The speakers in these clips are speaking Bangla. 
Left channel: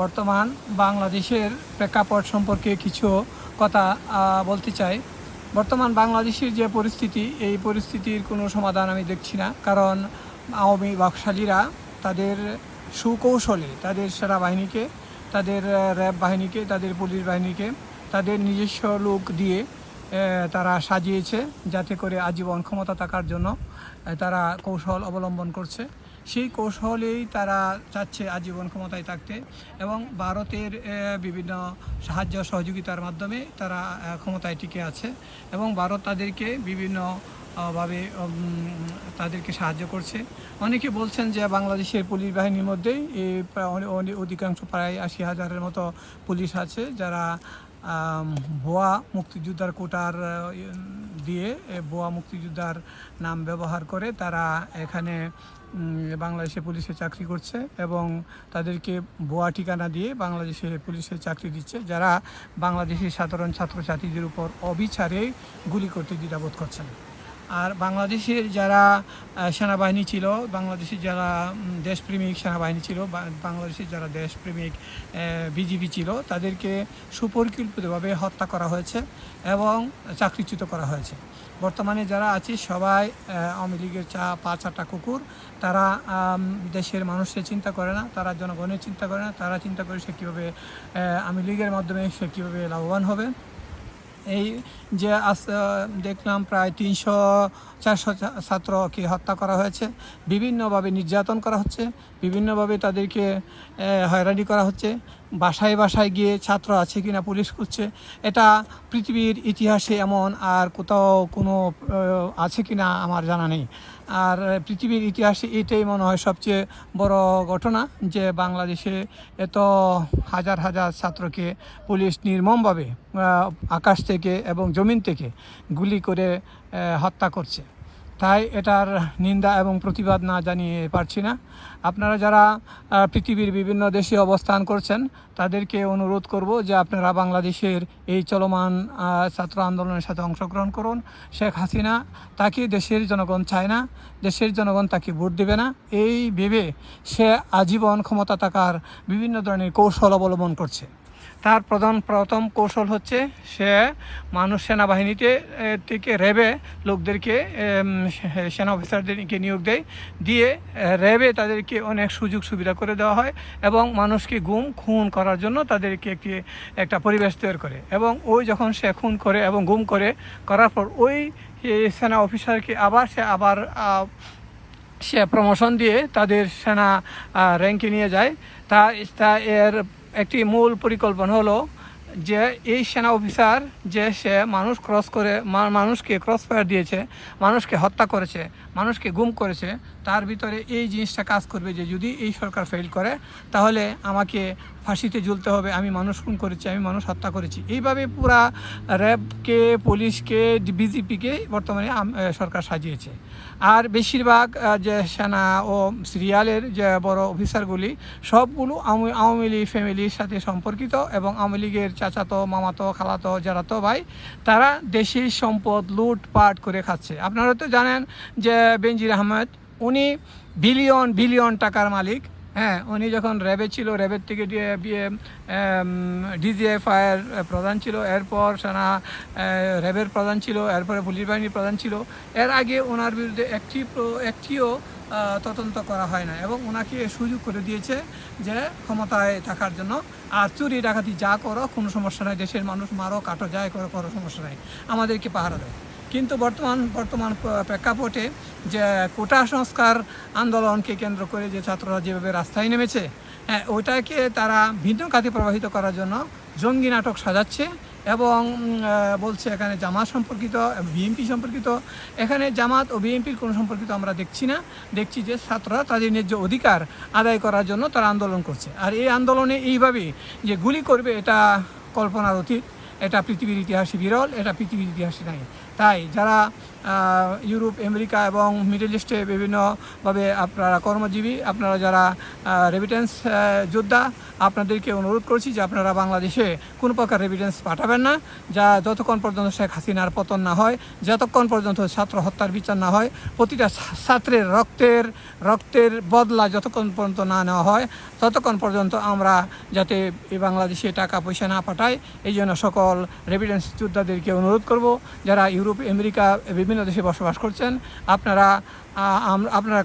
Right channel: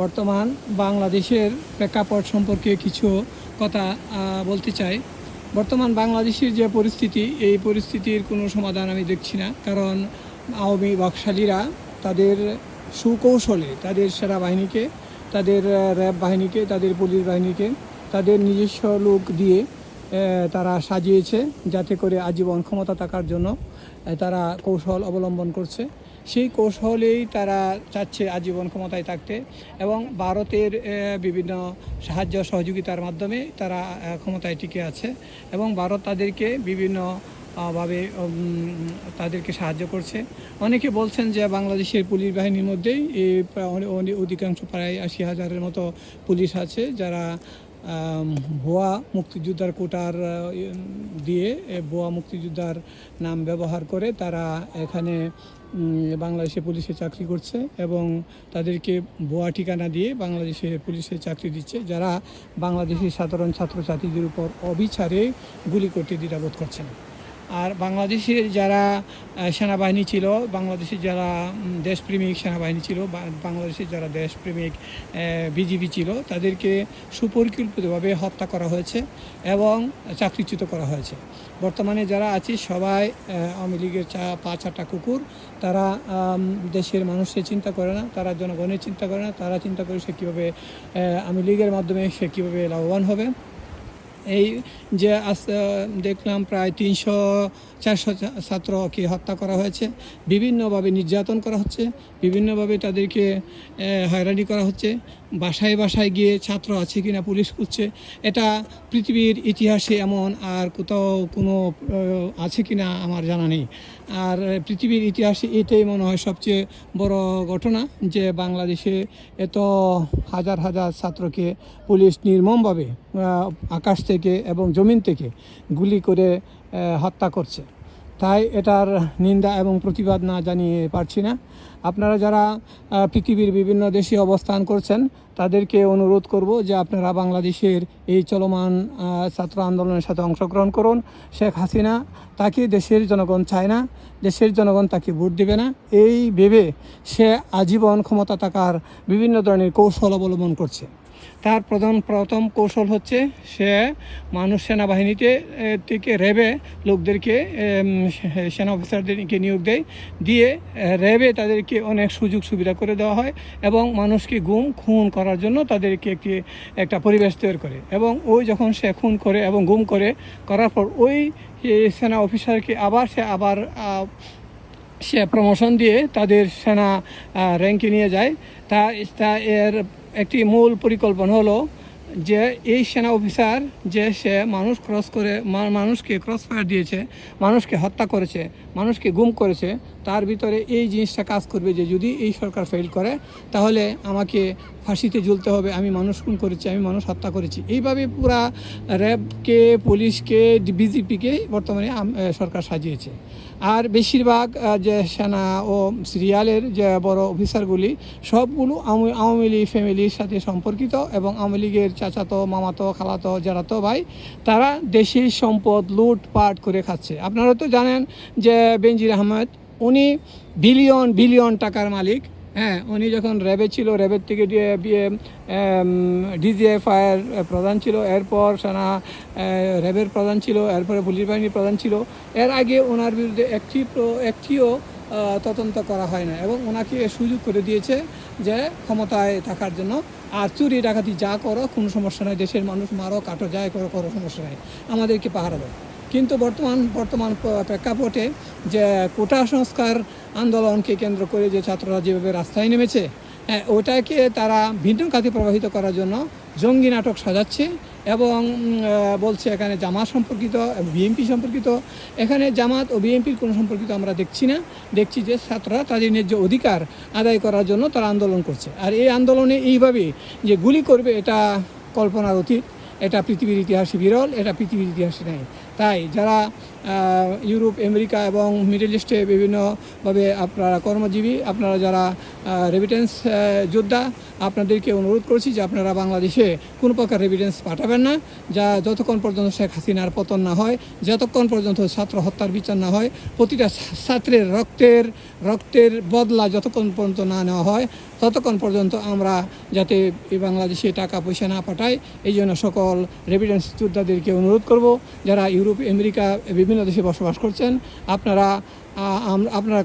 বর্তমান বাংলাদেশের প্রেক্ষাপট সম্পর্কে কিছু কথা বলতে চাই। বর্তমান বাংলাদেশের যে পরিস্থিতি, এই পরিস্থিতির কোনো সমাধান আমি দেখছি না। কারণ আওয়ামী বাকশালীরা তাদের সুকৌশলে তাদের সেনাবাহিনীকে, তাদের র্যাব বাহিনীকে, তাদের পুলিশ বাহিনীকে তাদের নিজস্ব লোক দিয়ে তারা সাজিয়েছে, যাতে করে আজীবন ক্ষমতা থাকার জন্য তারা কৌশল অবলম্বন করছে। সেই কৌশলেই তারা চাচ্ছে আজীবন ক্ষমতায় থাকতে, এবং ভারতের বিভিন্ন সাহায্য সহযোগিতার মাধ্যমে তারা ক্ষমতায় টিকে আছে, এবং ভারত তাদেরকে বিভিন্ন ভাবে তাদেরকে সাহায্য করছে। অনেকে বলছেন যে বাংলাদেশের পুলিশ বাহিনীর মধ্যেই অধিকাংশ প্রায় 80,000-এর মতো পুলিশ আছে, যারা ভুয়া মুক্তিযোদ্ধার কোটার দিয়ে ভুয়া মুক্তিযোদ্ধার নাম ব্যবহার করে তারা এখানে বাংলাদেশে পুলিশে চাকরি করছে, এবং তাদেরকে ভুয়া ঠিকানা দিয়ে বাংলাদেশে পুলিশে চাকরি দিচ্ছে, যারা বাংলাদেশের সাধারণ ছাত্রছাত্রীদের উপর অবিচারে গুলি করতে দ্বিধাবোধ করছেন। আর বাংলাদেশের যারা সেনাবাহিনী ছিল, বাংলাদেশের যারা দেশপ্রেমিক সেনাবাহিনী ছিল, বাংলাদেশের যারা দেশপ্রেমিক বিজিবি ছিল, তাদেরকে সুপরিকল্পিতভাবে হত্যা করা হয়েছে এবং চাকরিচ্যুত করা হয়েছে। বর্তমানে যারা আছে সবাই আওয়ামী লীগের পা চাটা কুকুর। তারা দেশের মানুষের চিন্তা করে না, তারা জনগণের চিন্তা করে না, তারা চিন্তা করে সে কীভাবে আওয়ামী লীগের মাধ্যমে সে কীভাবে লাভবান হবে। এই যে আজ দেখলাম প্রায় 300-400 ছাত্রকে হত্যা করা হয়েছে, বিভিন্নভাবে নির্যাতন করা হচ্ছে, বিভিন্নভাবে তাদেরকে হয়রানি করা হচ্ছে। বাসায় বাসায় গিয়ে ছাত্র আছে কিনা পুলিশ খুঁজছে। এটা পৃথিবীর ইতিহাসে এমন আর কোথাও কোনো আছে কিনা আমার জানা নেই। আর পৃথিবীর ইতিহাসে এটাই মনে হয় সবচেয়ে বড় ঘটনা, যে বাংলাদেশে এত হাজার হাজার ছাত্রকে পুলিশ নির্মমভাবে আকাশ থেকে এবং জমিন থেকে গুলি করে হত্যা করছে। তাই এটার নিন্দা এবং প্রতিবাদ না জানিয়ে পারছি না। আপনারা যারা পৃথিবীর বিভিন্ন দেশে অবস্থান করছেন, তাদেরকে অনুরোধ করব যে আপনারা বাংলাদেশের এই চলমান ছাত্র আন্দোলনের সাথে অংশগ্রহণ করুন। শেখ হাসিনা তাকে দেশের জনগণ চায় না, দেশের জনগণ তাকে ভোট দেবে না, এই ভেবে সে আজীবন ক্ষমতা থাকার বিভিন্ন ধরনের কৌশল অবলম্বন করছে। তার প্রথম কৌশল হচ্ছে সে সেনাবাহিনীতে থেকে র্যাবে লোকদেরকে, সেনা অফিসারদেরকে নিয়োগ দিয়ে র্যাবে তাদেরকে অনেক সুযোগ সুবিধা করে দেওয়া হয়, এবং মানুষকে খুন করার জন্য তাদেরকে একটা পরিবেশ তৈরি করে, এবং ওই যখন সে খুন করে এবং গুম করার পর ওই সেনা অফিসারকে আবার সে প্রমোশন দিয়ে তাদের সেনা র্যাঙ্কে নিয়ে যায়। তা এর একটি মূল পরিকল্পনা হলো যে এই সেনা অফিসার যে সে মানুষকে ক্রস ফায়ার দিয়েছে, মানুষকে হত্যা করেছে, মানুষকে গুম করেছে, তার ভিতরে এই জিনিসটা কাজ করবে যে যদি এই সরকার ফেল করে তাহলে আমাকে ফাঁসিতে ঝুলতে হবে, আমি মানুষ খুন করেছি, আমি মানুষ হত্যা করেছি। এইভাবে পুরা র্যাবকে, পুলিশকে, বিজেপিকে বর্তমানে সরকার সাজিয়েছে। আর বেশিরভাগ যে সেনা ও সিরিয়ালের যে বড় অফিসারগুলি সবগুলো আওয়ামী লীগ ফ্যামিলির সাথে সম্পর্কিত, এবং আওয়ামী লীগের চাচাতো, মামাতো, খালাতো, জারাতো ভাই, তারা দেশের সম্পদ লুটপাট করে খাচ্ছে। আপনারা তো জানেন যে বেনজির আহমেদ, উনি বিলিয়ন টাকার মালিক। হ্যাঁ, উনি যখন র্যাবে ছিল, র্যাবের থেকে ডিজিএফআইয়ের প্রধান ছিল, এরপর সেনা র্যাবের প্রধান ছিল, এরপরে পুলিশ বাহিনীর প্রধান ছিল। এর আগে ওনার বিরুদ্ধে একটিও তদন্ত করা হয় না, এবং ওনাকে সুযোগ করে দিয়েছে যে ক্ষমতায় থাকার জন্য। আর চুরি ডাকাতি যা করো কোনো সমস্যা নয়, দেশের মানুষ মারো কাটো যাই করো সমস্যা নয়, আমাদেরকে পাহারা দেয়। কিন্তু বর্তমান প্রেক্ষাপটে যে কোটা সংস্কার আন্দোলনকে কেন্দ্র করে যে ছাত্ররা যেভাবে রাস্তায় নেমেছে, ওটাকে তারা ভিন্ন খাতে প্রবাহিত করার জন্য জঙ্গি নাটক সাজাচ্ছে, এবং বলছে এখানে জামাত সম্পর্কিত, বিএনপি সম্পর্কিত। এখানে জামাত ও বিএনপির কোনো সম্পর্কিত আমরা দেখছি না। দেখছি যে ছাত্ররা তাদের ন্যায্য অধিকার আদায় করার জন্য তারা আন্দোলন করছে। আর এই আন্দোলনে এইভাবে যে গুলি করবে, এটা কল্পনার অতীত, এটা পৃথিবীর ইতিহাসে বিরল, এটা পৃথিবীর ইতিহাসে নাই। তাই যারা ইউরোপ, আমেরিকা এবং মিডল ইস্টে বিভিন্নভাবে আপনারা কর্মজীবী, আপনারা যারা রেমিটেন্স যোদ্ধা, আপনাদেরকে অনুরোধ করছি যে আপনারা বাংলাদেশে কোনো প্রকার রেমিটেন্স পাঠাবেন না, যা যতক্ষণ পর্যন্ত শেখ হাসিনার পতন না হয়, যতক্ষণ পর্যন্ত ছাত্র হত্যার বিচার না হয়, প্রতিটা ছাত্রের রক্তের বদলা যতক্ষণ পর্যন্ত না নেওয়া হয়, ততক্ষণ পর্যন্ত আমরা যাতে এই বাংলাদেশে টাকা পয়সা না পাঠাই, এই জন্য সকল রেমিটেন্স যোদ্ধাদেরকে অনুরোধ করব যারা ইউরোপ, আমেরিকা বিভিন্ন দেশে বসবাস করছেন, আপনারা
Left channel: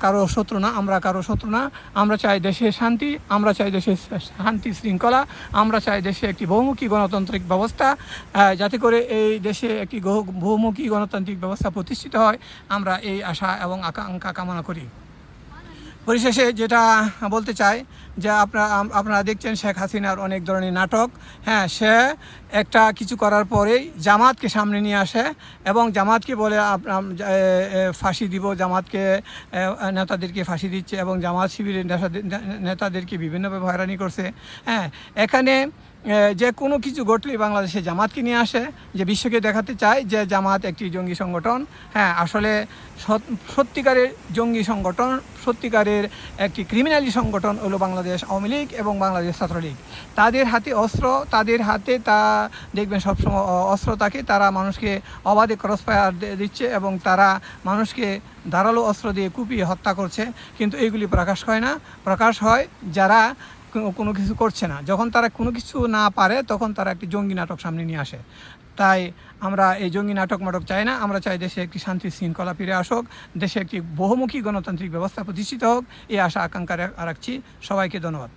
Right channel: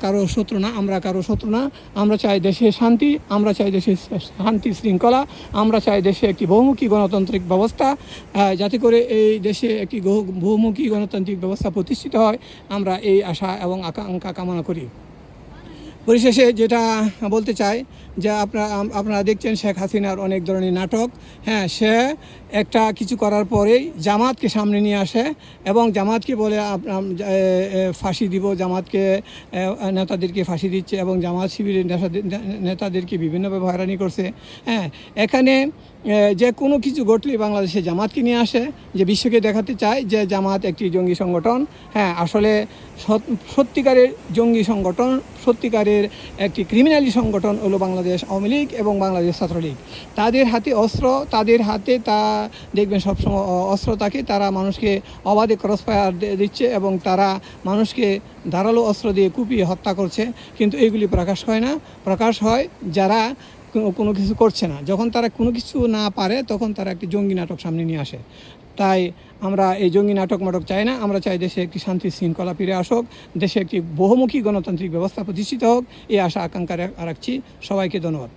কারো শত্রু না, আমরা কারো শত্রু না। আমরা চাই দেশে শান্তি, আমরা চাই দেশে শান্তি শৃঙ্খলা, আমরা চাই দেশে একটি বহুমুখী গণতান্ত্রিক ব্যবস্থা, যাতে করে এই দেশে একটি বহুমুখী গণতান্ত্রিক ব্যবস্থা প্রতিষ্ঠিত হয়, আমরা এই আশা এবং আকাঙ্ক্ষা কামনা করি। পরিশেষে যেটা বলতে চাই যে আপনারা দেখছেন শেখ হাসিনার অনেক ধরনের নাটক। হ্যাঁ, সে একটা কিছু করার পরেই জামাতকে সামনে নিয়ে আসে এবং জামাতকে বলে ফাঁসি দিব, জামাতকে নেতাদেরকে ফাঁসি দিচ্ছে এবং জামাত শিবিরের নেতাদেরকে বিভিন্নভাবে হয়রানি করছে। হ্যাঁ, এখানে যে কোনো কিছু ঘটলেই বাংলাদেশে জামাতকে নিয়ে আসে, যে বিশ্বকে দেখাতে চায় যে জামাত একটি জঙ্গি সংগঠন। হ্যাঁ, আসলে সত্যিকারের জঙ্গি সংগঠন, সত্যিকারের একটি ক্রিমিনালি সংগঠন হলো বাংলাদেশ আওয়ামী লীগ এবং বাংলাদেশ ছাত্রলীগ। তাদের হাতে অস্ত্র, তাদের হাতে তা দেখবেন সবসময় অস্ত্র থাকে, তারা মানুষকে অবাধে ক্রস ফায়ার দিচ্ছে এবং তারা মানুষকে ধারালো অস্ত্র দিয়ে কুপিয়ে হত্যা করছে, কিন্তু এগুলি প্রকাশ হয় না। প্রকাশ হয় যারা কোনো কিছু করছে না। যখন তারা কোনো কিছু না পারে তখন তারা একটি জঙ্গি নাটক সামনে নিয়ে আসে। তাই আমরা এই জঙ্গি নাটক চাই না। আমরা চাই দেশে একটি শান্তি শৃঙ্খলা ফিরে আসুক, দেশে একটি বহুমুখী গণতান্ত্রিক ব্যবস্থা প্রতিষ্ঠিত হোক, এই আশা আকাঙ্ক্ষা রাখছি। সবাইকে ধন্যবাদ।